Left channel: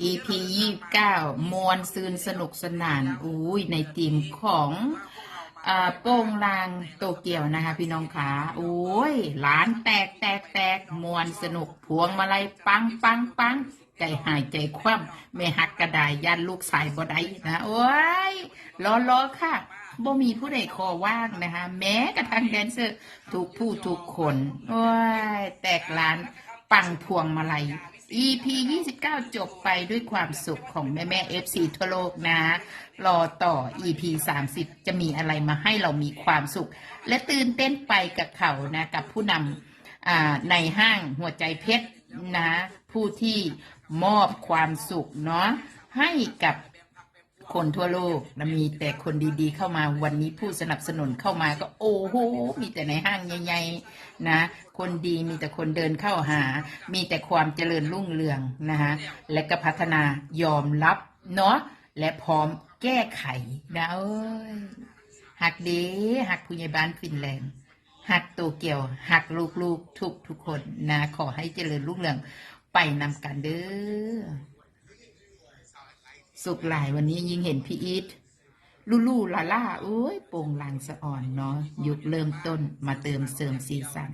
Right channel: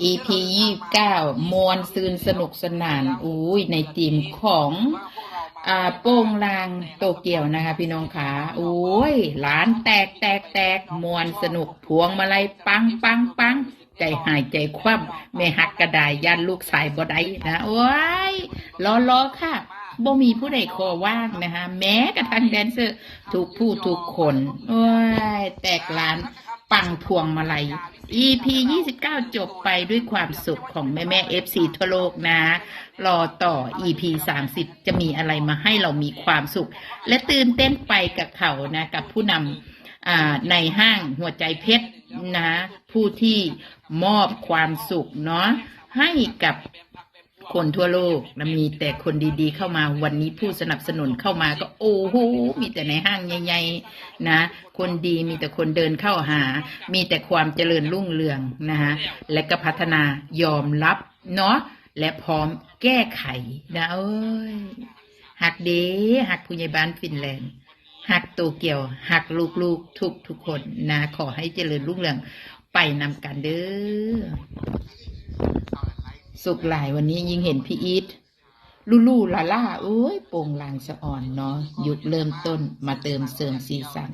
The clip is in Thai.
EP ยี่เก้ามวลซืนสนุกสนานอุ้ยในทีมของอ่าโป้งลางโตเกียวนะคะ พี่น้องขาโอ้ยหลานแตกแตกแตกมวนสนุกพวงมาลัยปังปังปังใจหายใจคว่ำไม่หักกระดายันลูกสายบ่ได้นะโอ้ยรอรอค่ะบ่มีผู้ใดคอว่างนะคะ แม้กระทั่งแดนเซอร์ทุกผู้ทุกคน โอ้ย แตกหลาน ปังพวงมาลัย EP 29 จบไปด้วยความสุขของแม่แม่ FC ทั่วโลกนะ รอต่อ EP 30 จะมีอะไรมาให้เรามีความสุข และตื่นเต้นไปกับเขานะ กับผู้นำในห้างหัวใจเพชรนะ ผู้ที่มอบความสุขเนาะให้กับ คนทั่วโลกและมีแต่คนดีๆ เข้ามาวันนี้ผู้สนับสนุนเข้ามาก็โอ้โหมีแต่ในห้างใหญ่ๆนะคนดีมีแต่คนเดินเข้าหา มีแต่ความเจริญรุ่งเรืองนะคะและก็พัฒนายอมรับเนาะและพร้อมแก้ไขนะเอ้ยหักเดหักผู้ใหญ่บ้านฟินแลนด์หักโตเกียวหักลูกๆทุกทุกคนนะขอให้เจริญรุ่งเรืองไปนำกันเด้อ สุขหลายวันนี้ยิ่งเห็นพี่อีทลูลูลาล่าโอ้ยโป่งลางสะอ่อนเนาะยุคเริ่มต้นมาเติมเสริมสีสัน